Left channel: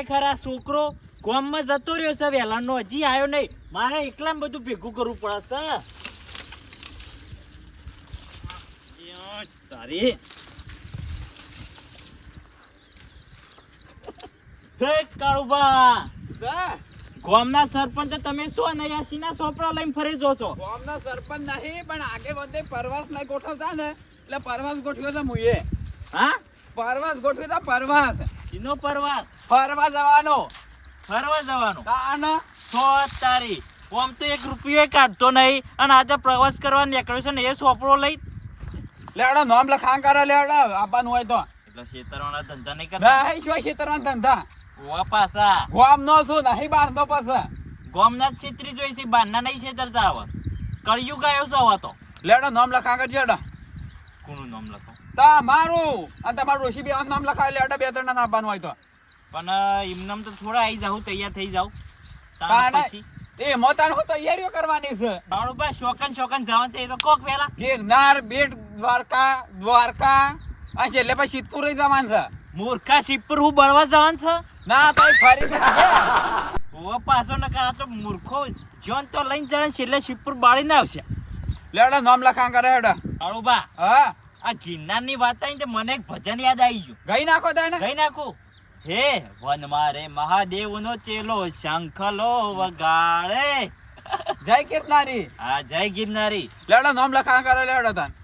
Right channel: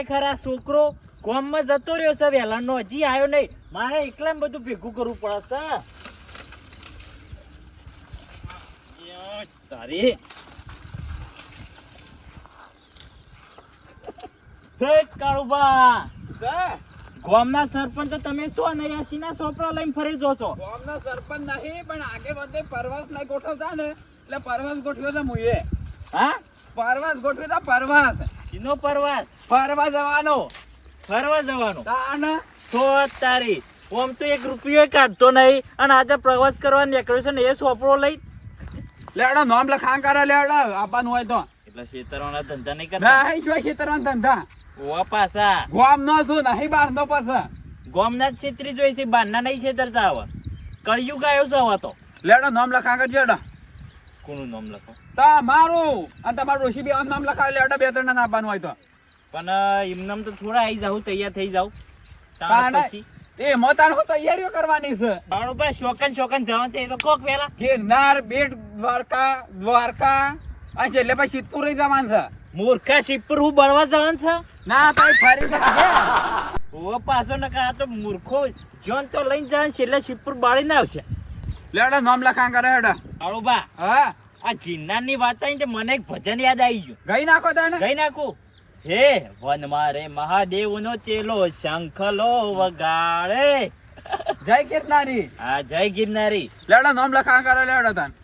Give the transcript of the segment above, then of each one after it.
ખરેખર આ છોકરો ગામમાં જતો રહ્યો છે વેલાનો, હજી આવ્યો નહીં. મારે એકલા બધું ભેગું કરવું પડે છે. તારી કાળુબા ગામના સરપંચ તમે શું નયાસીના સોપડા લઈને ફરી જો છો? ગામના સરપંચ નહીં પણ આગે બધે પરવાસ નહીં ગોઠવતા ને એટલે પરવાસ ગોઠવ્યો તો મુએ. હા, પરવાસ ગોઠવ્યો તો પરવાસ. એનો પરવાસ ફરવા જવાનો. ફરવા જવાનો તાના તો તારી ઓમ તો 1 રૂપિયો કાઢતો નહીં અને આજે પ્રવાસ કરવા નીકળ્યો છે ને એ સોપડો લઈ લેવડા નામ લખાણ કરે લેવડા આપવાનું હોય તો. એટલે શેતરવાના ધંધા નહીં કરતા. નહીં જોઈ છેતરવાના ધંધા. ઓવા પાછા ગામ નો છું નહીં બહાર નો પાછા. ગામના જ છેતરી જોઈ છે, બહારના નહીં છેતરતા. હવે કળિયુગ આવ્યો છે હવે તો. લેવડા નામ લખાણ કરજો લેવડા. કોનું નામ લખો? તમારું અને તમારું ડોશી બે નામ લખાવે લેવડા 2-3 ના આપવાનું હોય તો. પણ એમનામ તો થોડા આવી જાવ, તૈયાર થઈ જાવ. પછી એ મોતાણ હું તૈયારીઓ કરવાની છે. બાળો ભાઈ શોકન જવાનું છે એ તો કોક પેલા ગિરનાર, બેટ દ્વારકા આ છે એટલે પછી સિદ્ધપુર જવાનું છે. મૂર્ખા શિવપુર હું બળવા જવાનું છે? ના ભાઈ ફરી ઓ પાછો ને આ તો મૂર્ખો જોન તો લઈને જાય છે એટલે શિવપુર બાળી ના આવશે. લેડા નામ લખાણ કરે હેડા. બાળો બા હા આ ગિરનાર ની વાત આવી તો મને એક ભજન યાદ આવી ગયું. ગઈ નાખો તને. ગઈ નાખું. હે વન મારે મહાદેવ નો ચેલો શંખલો વગાડે. જય ગિરનારી. હા જય ગિરનારી. લેડા નામ લખાણ કરે લેડા તને.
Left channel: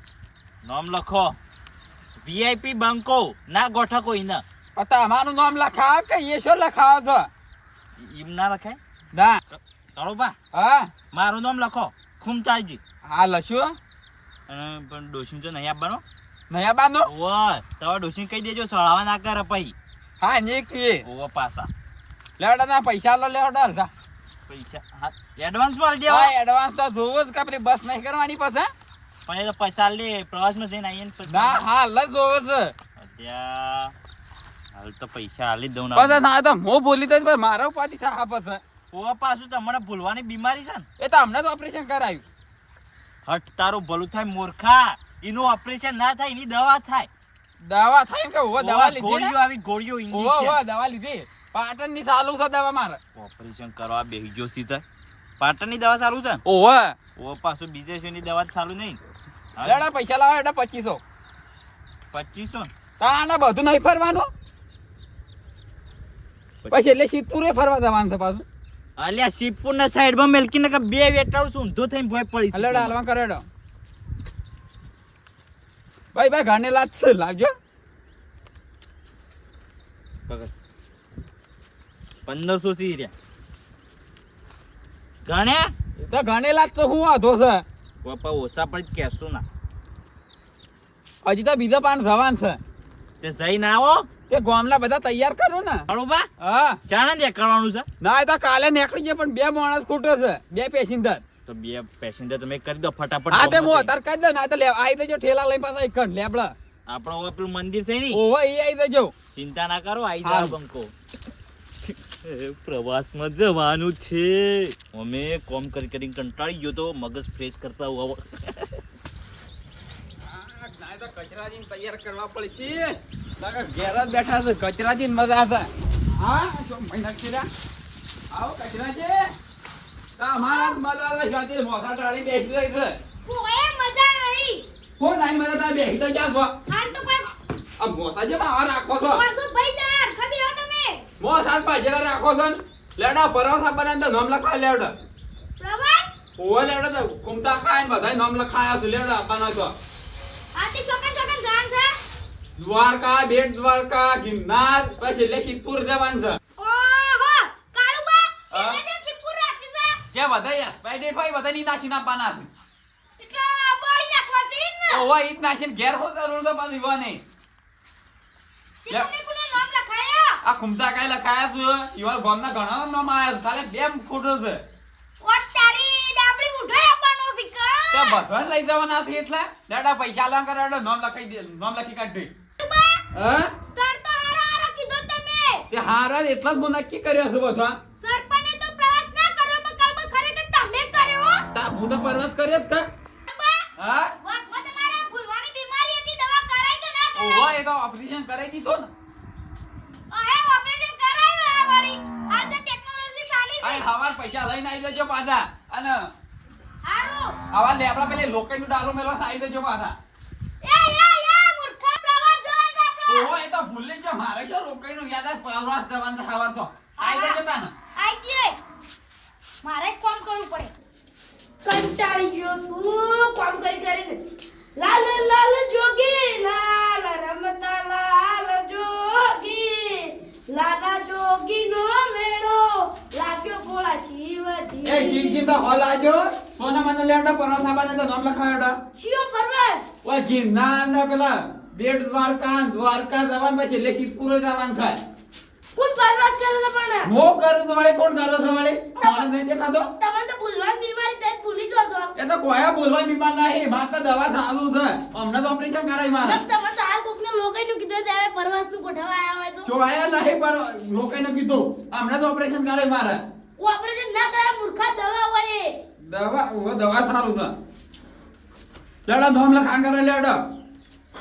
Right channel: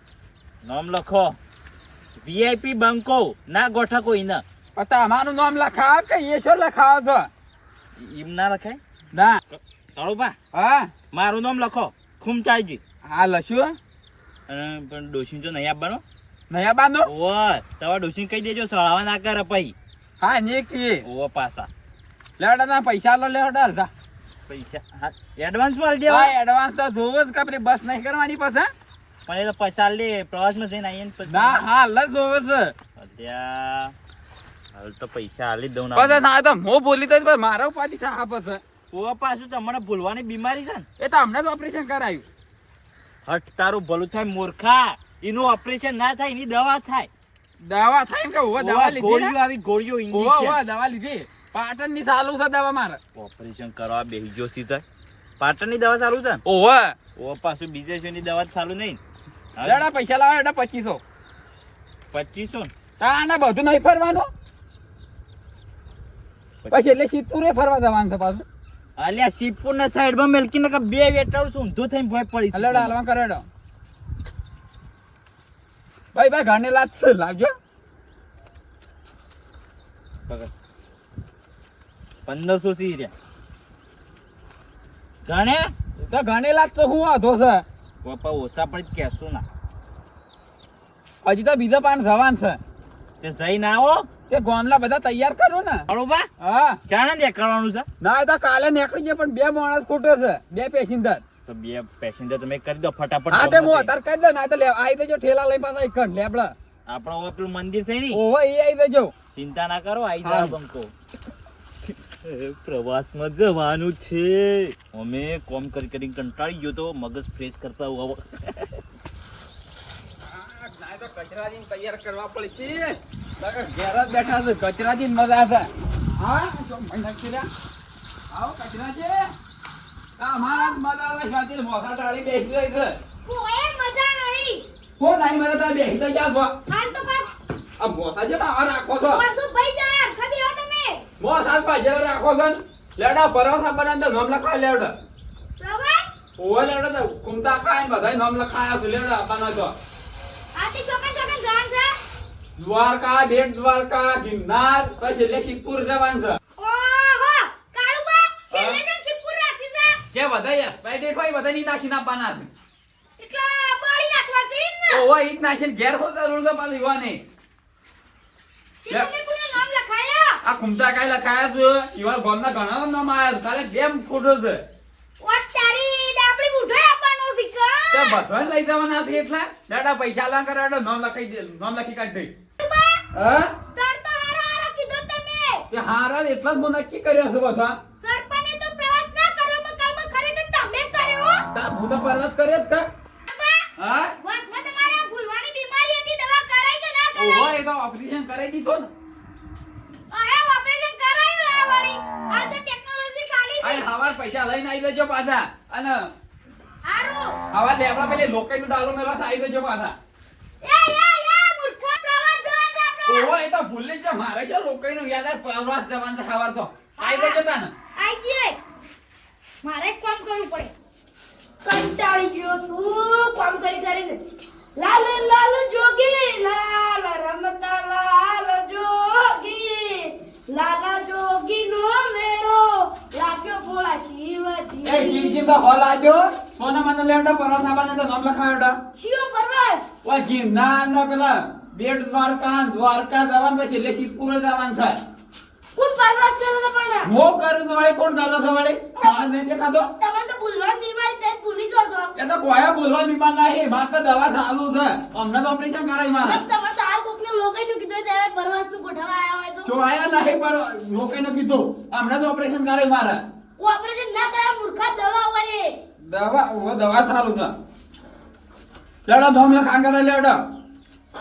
નામ લખો. વીઆઈપી બંકો ના ગોઠકો ઈને. તમારું નામ લખાવ કે એ શું લખાવ છો? એમ ના લખાય ના. કાળુબા હા મારું નામ લખો ખુમચાળજી. હા લખ્યું. પણ ડોશી તો નહીં આપવાનો. નયા બાનો ઓય તમારા ડોશી કહી દેજો સળાવા ના કરે પછી. હા ને કી ઓ પાછા લેડા ના પૈસા લો લેડા જા. પૈસા હા એડવાન્સ માં દેવા. ભાઈ એડવાન્સ તો જોવો જ કે પેલી બસ નહીં કરવાની પછી. પણ એ તો પૈસા લે પ્રવાસમાં જઈને આવીએ ને પછી. ના હા લજ જોવો છે. અત્યારે હાલ તો પૈસા હાલી જ દઉં ને. પછી ના તો હું ભૂલી દઈશ પણ મારો પાછી થાય પછી. ઓ પાછું તમને ભૂલવાની બીમારી છે ને. એ તો હમણાં જ ઓપરેશન કરાયું. હટ તારું ભલું થાય મૂર્ખા. એનું ઓપરેશન ના થાય એની દવા થાય. દવા થાય કે ઓ દવા લીધી ગોળીઓ આવી ગોળીઓ ઓ ઇન્જેક્શન. દવા લીધી. પાટણ ની ચાલુ છે દવા મારે. ઓપરેશન કરવા બેહી ગયો સીધા. પાટણ ની દવા ચાલુ છે ને? ઓહો ઓ પાછું બીજે છે ની દવા ચાલુ નહીં. લેડા પૈસા લાવો એડા 2500. 2500 તાના બધું નહીં ફરવાનું. પછી એટલે સિદ્ધપુરે ફરવા જવાનું છે પાછું. અલ્યા શિવપુર ના સાઈડ માં મેલકીને કે બે વેટાળ છું ઊંધો થઈને ભોય પડી છે. લેડા હાલવા કરેડો. ભાઈ ઘાને લાજ છે લાવજો. 1500 સી રહ્યા ગણે તો ઘાને લાજ તો હું વાંધો છે. પપ્પા ઓછા પડી કેશું ના. હજી તો બીજા પાન જવાન છે. તે જઈને આવો તે ગામના બધા તૈયાર કરો ને. બરોબર. હા ચાણા દે કરવાનું છે. ના એ તો કાલે નીકળી જાય પણ 2 માણસ ખૂટે છે 2 પેસેન્જર. તો 2 પેસેન્જર તમે કરી દો ફટાફટ. હા તે હું તાર કહી દે ના તો આવી દેજો ઠેલા લઈને પાછા એક લેબડા. આપણો પેલું મંદિર છે ને. ઓહો એ આવી દેજો. ચિંતા ના કરો આવી જાવ બંકો. પ્રવાસમાં જવાનું છે. અમે કોમ કરી કંટાળી ગયો તો મગજ ફ્રેશ કરતા હોવ. ના તો કચરાજી તૈયાર કરવા પડશે. ઘેર જ બેઠા છે કચરાજી મજા છે. હા શું મહિના કર્યા આવો કચરાજી. અમારા મજા છે ખાતી મોસા ટાળી બેસી રહી છે. કોઈ મજા નહીં. હો નહીં મજા તા બેસી તો ક્યાં છો? હાલ તો કોઈ આ મોસા જે બહાર રાખો છો. પાછો ભાઈ જા ખબી હો તમે. મોસા પાજરા રાખો છો. લેડા પરોસા બનાવતા નામ લખાય લેડા. પ્રવાસ ઓય લેડા તો કુમતા ખાય ને બધાય નામ લખાયા છે લેડા આપવાનો તો. આતી ચોકન જાન છે. દ્વારકા બેટ દ્વારકા ગિરનાર પછી એટલે સિદ્ધપુર જવાનું છે. ઓહો કાળુબા સેલેશન સિપુર રાખી છે. જે બધાય એક્સપાયર્ડ હોય બધાય ની નાસી નાખવાના છે. એટલા બળી નાખવા છે ને. ઓય ઈજ નાસીને ઘેર હોતા રૂલ પાલી હોને. કે તમે કોને નામ લખાયા? આ કુમતા કાય લખાયા છે. ઈવા ગામના ઘણા નામ આયા છે. ખાલે 2 ફોટો છે. ઓ તારી ડાબડી ઉઠે આપવાનો છે કે. તે બધાને લઈ જવાના છે એટલે લેડા પૈસા લા કરાડો નામ લખાઈ દે નામ લખી કાઢ દે. હા સર તો હારો કીધો તમે. તે હારા એટલા જ નક્કી કર્યા છે બધા. સરપંચે તો પ્રવાસ ના કર્યો પણ કાલમાં ખરેખર તમે કર્યો. તા હું તો પરવાસ કર્યો જ કા. હા વાસમાં તમારા ભૂલવાની બીમારી હતી દવા કરાઈ કે ના ઓહો કરાઈ? એ તો ઓપરેશન કરાઈ દીધો ને. અરે ઓપરેશન કરાયું હવાર પૈસા લઈને આવી જજો પાછા અને હારું હવાર લેબડા પેલી લોકેનું ડાલો મેલવા આવી જજો પાછા એ મૂર્ખા પ્રવાસ જવાનું છે આપણે ઓહો એ તો ભૂલી જ મારે છે લોકેનું યાદ આવે પ્રવાસ જવાનું છે હવાર તો આવી જજો તાને આઈ જઈએ મારે એક કામ કરવું પડે કંટાળી ગયો છું કામ કરીને લાલ લાલ જોગી લાલ રમતા લાલ જોગી લાલા જોગી નો મેળો લાગ્યો ભોળા શિવજી એ શિવ તો હોલ આજો સોના મને લેવડા પરવા સાબાને તો નામ લખાવડા શિવ પરવાસ ઓ જીના ના પેલા બેટ દ્વારકા જવાનું પછી એટલે શિવપુર જવાનું છે કોણ પરવાસ કરે છે પણ મો કરું તો વળે કોણ કરો છો વળે માર નહીં દેખાતો તમને તો ભૂલવાની બીમારી તે ભૂલી જો છો એ તો કોઈ બોલવા બીમાર નહીં માર તો દવા ચાલુ છે હમણાં તો ઓપરેશન કરાય મારે તમે તો આ કોકને લોકોનું કીધું છે પરવાસ નું ગોઠવા આયા હોય તો જો આયા નહીં પર લોકોને કીધું હમણાં તો ઓપરેશન કરાય મારે ઓપરેશન ના કરાય મૂર્ખા દવા હોય એ દવા ચાલુ છે લેડો ધોમ લખાણ કરે લેડો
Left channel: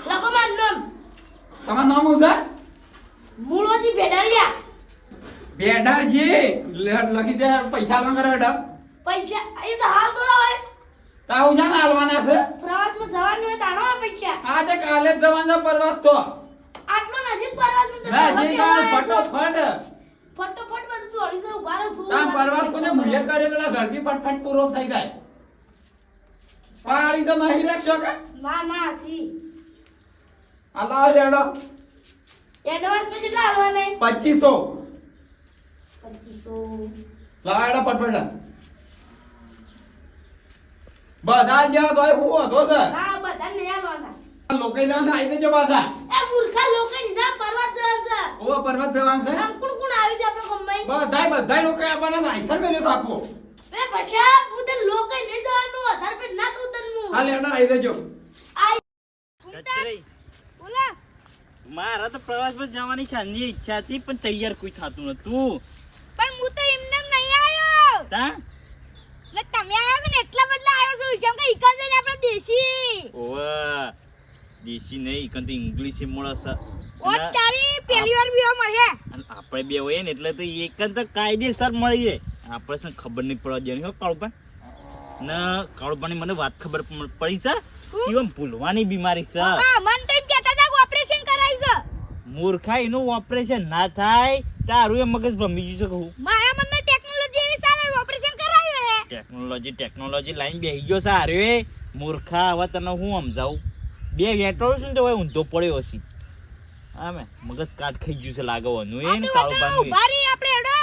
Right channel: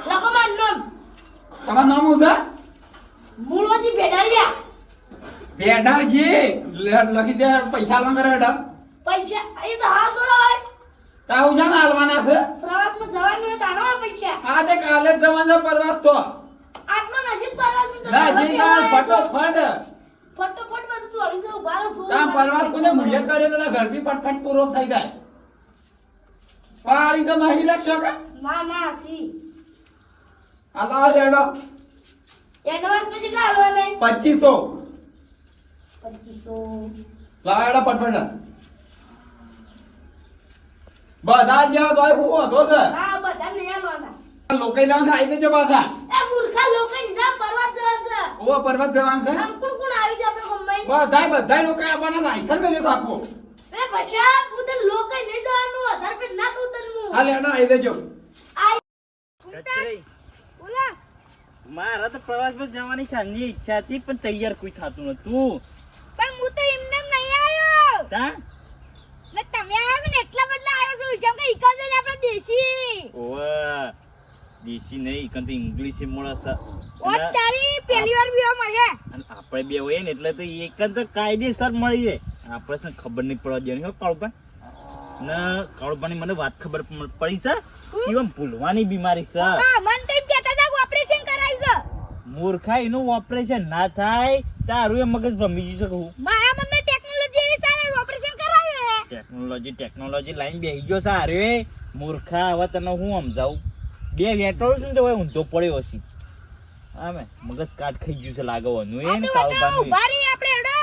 લખો માર નામ તમારું નામ શું છે મૂળોજી ભેડાળિયા બેડાજી લખી દે પૈસા લો કરે બેટા પૈસા અહીં તો હાલ થોડા હોય તાવ જાણ હાલવાના છે પ્રવાસમાં જવાનું હોય તાણો હોય પૈસા આજે કાલે જ જવાનો પ્રવાસ તો આટલો નજીક પ્રવાસમાં તો ના જી કાલ ફટોફટ ફટોફટ બધું દોડી જવું બારો છું કામ પ્રવાસ કોને મુલ્ય કરે તો ઝડપી ફટફટ પૂરો થઈ જાય પાળી તો નહીં લખશો કે ના ના સી હાલો લેડો એડવાન્સ માં કેટલા આવવા નહીં 2500 2500 લાડો ફટફટ બધા જ તો હું હતો છે હા બધા નહીં આવવાના લોકો જવાનું આવી દેજો પાછા એ મૂર્ખા લોકો નિદાન પરવાસ જવાનું છે ઓ પર્વત જવાનું છે આમ કોણ કોણ આવી છે આપણે ગમ્માઈ બધા લોકો આવવાના લાયસન્સ મેલે રાખો એ બચ્ચા હું તો લોકો નહીં જવાનું આધાર પેટ ના ઉતરનું હા લેડો આવી દેજો કચરાઈ. બોલા મારા તો પ્રવાસમાં જવાની સાંજની ઈચ્છા હતી પણ તૈયાર કોઈ થતું નતું પણ હું તો એમને નહીં આવ્યો તા એટલે તમે આવ્યો છો ને એટલા બદલા આવ્યો છું જેમ કે ઈકર જઈને આપણે દેશી ઓવા દેશી નહીં કંત ઇંગ્લિશ મળે છે ઓ તારી પહેલી વાર બીવા મળે અને આપણે બે હોય ને એટલે તો એક જ તો કાયદેસર મળી જાય આપણે શું ખબર નહીં પડવા દેવાની હો કાળુપા ને કાળુપાની મને વાત ખબર પડી છે કેમ ભૂલવાની બીમારી છે હા મન તો એમ કહેતા હતા કે ઓપરેશન કરાવી છે મૂર્ખા એનું ઓપરેશન ના થાય તારું એ મગજ ભમી ગયું છે કહું મારા મનમાં ટેકનોલોજી એવી સારી ઓપરેશન કરાવ્યું હે ટેકનોલોજી લાઈન બેહી ગયો છે આરે મૂર્ખા હવે તને હું સમજાવું બે વેટોળું છું ને તો હવે ઊંધો પડ્યો હશે આમે મગજ કાટ ખાઈ ગયું છે લાગવાનું એ ને કાળુપાનું ઉભા રહી આપણે એડો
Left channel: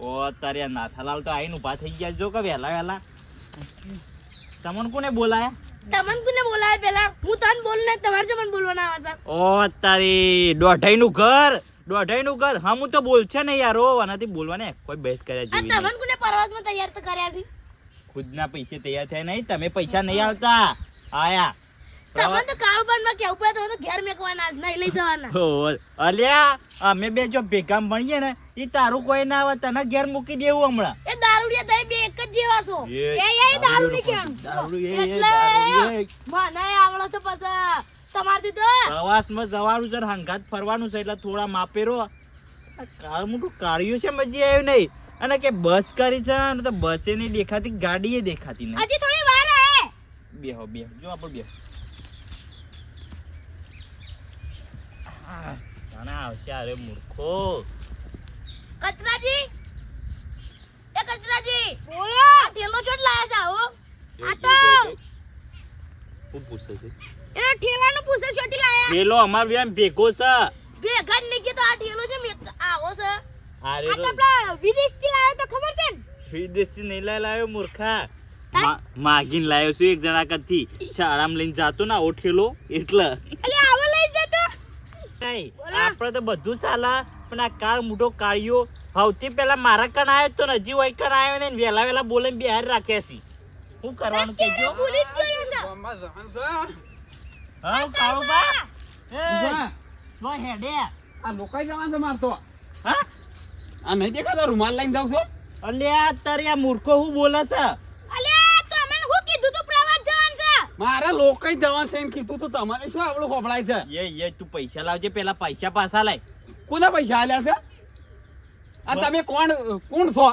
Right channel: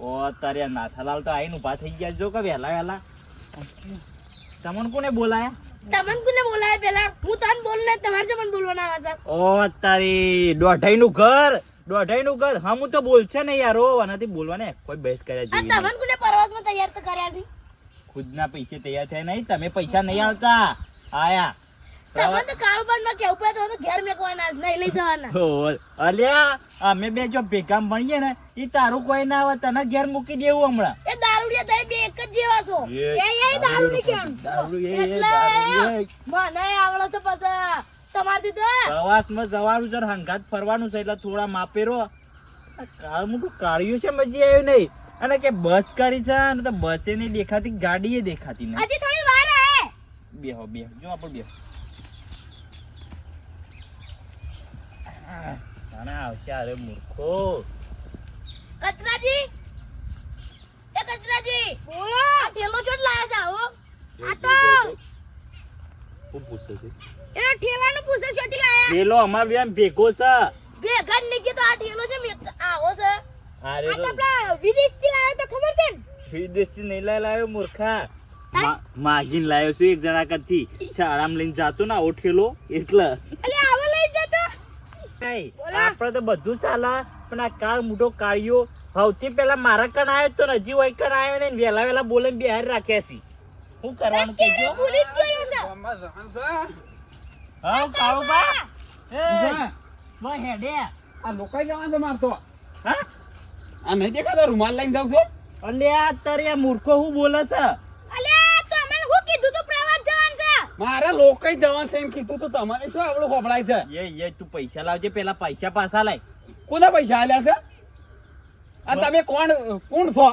ઓ તારે આ નાથાલાલ તો આઈને ઊભા થઈ ગયા જો કે વહેલા તમને કોને બોલાયા તમને કોને બોલાય પેલા હું તને બોલ ને તમારે જો મને બોલવાના આવે છે ઓ તારી દોઢાઈનું ઘર હા હું તો બોલ છે ને યાર ઓ આનાથી બોલવાને કોઈ બહેસ કર્યા આ જેવી તમને નહીં. કોને પરવાસમાં તૈયાર તો કર્યા હતી ખુદના પૈસે તૈયાર થયા નહીં તમે પૈસા નહીં આવતા આયા તમે તો કાળુબાનમાં કેવું પડે તમે તો ઘેર મેકવાના જ નહીં લઈ જવાના ઓ, અલ્યા અમે બે જો ભેગા ભણીએ ને એ તારું કોઈ ના આવે તને ઘેર મૂકી દેવું હમણાં એ દારૂડિયા તમે બે એક જ જેવા છો એ દારૂ નહીં કેમ દારૂ એ એટલે મને આવડે છે પછી તમારથી તો પ્રવાસમાં જવાનું છે હંગાત ફરવાનું છે એટલે થોડા માપેરો કાળ મોટું કાઢ્યું છે મજી આવ્યું નહીં અને કે બસ કરી છે અને તો બસે નહીં દેખાતી ગાડીએ દેખાતી નહીં હજી થોડી વાર હે બેહો જો આપણે બેહો નાના આવશે અરે મૂર્ખો કચરાજી એ કચરાજી બોલો આ ઠેલો છોડ લાયા છે હો આ તો શું પૂછે છે એ ઠેલાનો પૂછે છોથી લાયા પેલો અમાર બે ભેગો છે ભેગા નહીં કે તો આ ઠેલો છે આવો છે અરે આ તો આપણે વિદેશથી લાયો તો ખબર છે ને વિદેશથી નહીં લાયો મૂર્ખા માગીને લાયો છું એક જણા કરતી શાળામાં લઈને જાતો ને આવો ઠેલો એટલે અલે આવો લઈ જતો નહીં આપણે તો બધું ચાલે પણ આ કાળ મોટો કાળિયો સૌથી પહેલા મારા કણ આવ્યો તો ને હજી હોય કણ આવ્યો ને વેલા બોલે બે હાર રાખ્યા છે શું કરવાનું કેજો ભૂલી જ ગયો છે ગામમાં જવાનું છે હા કાળુબા ઉભા. લો હેડે આ લોકાઈ જવાનું છે મારતો હા આ નહીં દેખાતો રૂમાલ લઈને જાવ છો અલ્યા તારે આ મૂર્ખો હું બોલે છે અલે તો મને હું કીધું તું પ્રવાસ જવાનું છે મારા લોકાઈ જવાનું છે એમ કીધું તો તમારે શું આવડું ખોબળાય છે એ તું પૈસા લાવજે પેલા પૈસા પાછા લાય કોના પૈસા આલ્યા છે આ તમે કોણ છો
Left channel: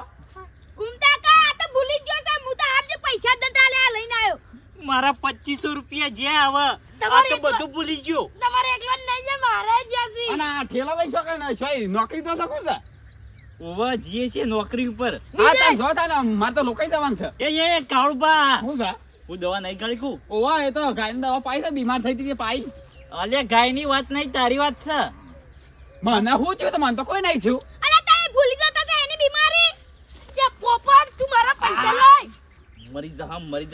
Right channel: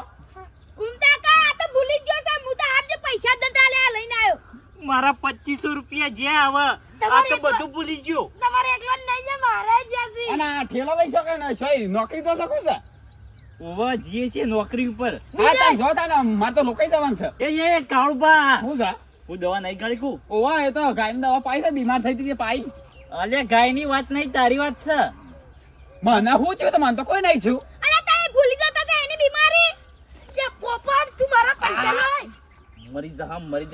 કુંતા કા આ તો ભૂલી જ ગયો છે હું તો આજે પૈસા દટાલે લઈને આવ્યો મારા 2500 રૂપિયા જે આવે આ તમારે તો એકલો- બધું ભૂલી ગયો. તમારે એકલો જ લઈ જા મારે જ્યાંથી અને આ ઠેલો લઈ શકે ને સોય નોકરી તો શકું છે ઓવા જીએ છે નોકરી ઉપર. હા તાર જો તાર મારે તો લોકાઈ જવાનું છે એ કાળુબા હું છે હું દવા નહીં ગાળી કું. ઓવા એ તો ગાયની દવા પાઈ છે બીમાર થઈ હતી પાઈ અલે ગાયની વાત નહીં તારી વાત છે. મને શું થયું તો મને તો કોઈ નહીં થયું અરે તારે ભૂલી જતા હતા એની બીમારી કે પોપટ તું મારા પૈસા લઈ મરી જા હું મરી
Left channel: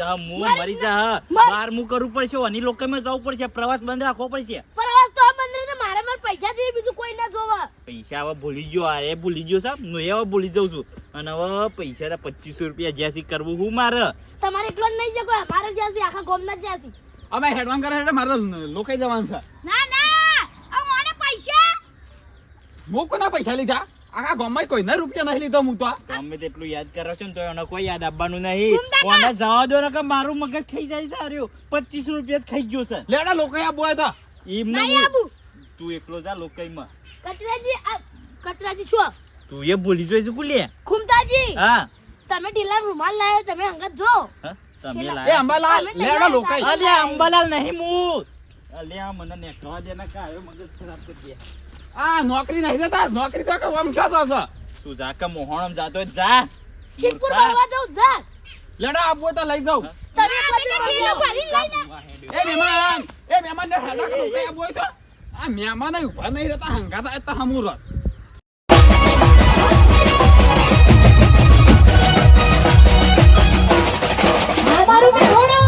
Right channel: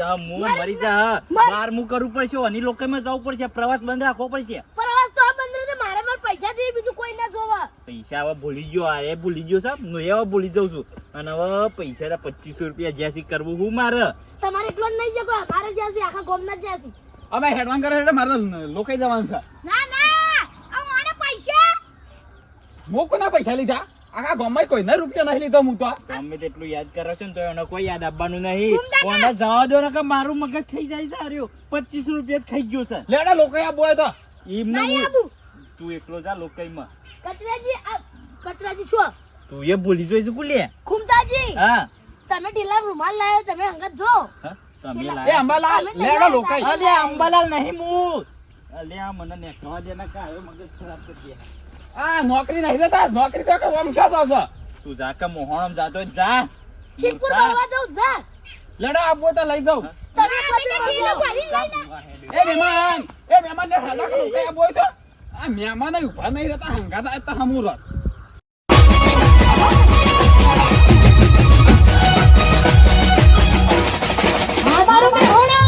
મરી જા. જા મર. બહાર હું કરવું પડશે અને લોકોમાં જવું પડશે પ્રવાસ બંધ રાખવો પડશે. પ્રવાસ તો આ બંદર તો મારા પૈસા જેવી બીજું કોઈ ના જોવા પૈસા હવે ભૂલી ગયો આ એ ભૂલી ગયો સાહેબ હું હવે ભૂલી જાઉં છું અને હવે પૈસા 2500 રૂપિયા જ્યાંથી કરવું હું મારે. તમારે એકલો જ નહીં જગો અમારે જ્યાંથી આખા ગામના જ્યાંથી અમે હેડવાન કરે એટલે મારે તો લોકાઈ જવાનું છે ના ના આ મને પૈસા હું કોના પૈસા લીધા આખા ગામમાં કોઈને રૂપિયા નહીં લીધો હું તો તમે તેટલું યાદ કરો છો ને તો એને કોઈ યાદ આપવાનું નહીં. ગુમતા કા? કોને જવા દો ને કે મારું મગજ ખાઈ જાય છે આર્યો 2500 રૂપિયા જ ખાઈ ગયો છે. લેડા લોકાઈ આ બોય તો એમ નહીં નહીં આબુ તું એકલો જા લોકઈમાં. કતરાજી શું તું એ ભૂલી જોઈશું કુલે. ખુમતાજી હા તમે ઢીલા રૂમાલ લાવ્યો તમે અંગત જો હા, તમે એ એ લાયા. અંબાલાલ તમે લેડા તૈયાર લોકાઈ હતા. અલે અંબાલાલ નહીં હું. અલે આ મને નેકવા દે ને કાયો મગજ ખરાબ કરી દે. આ નોકરી નહીં દેતા નોકરી તો કે વમસાતો છે તું જા કે મોહણમ જાતો હોય તો જા. ચીપકુર મૂર્ખા. ભરવા જાઉં જા લેડા આ બોય તો લઈ જાઉં તમે કતરા ઢીલો ભરી લઈને એ મહેમાન ને હેડા કે લોકાઈ આ બોય તો આ મહેમાન ઉભા નહીં રહેતા હંગાતા તો હમું રહ મારો બેહોણા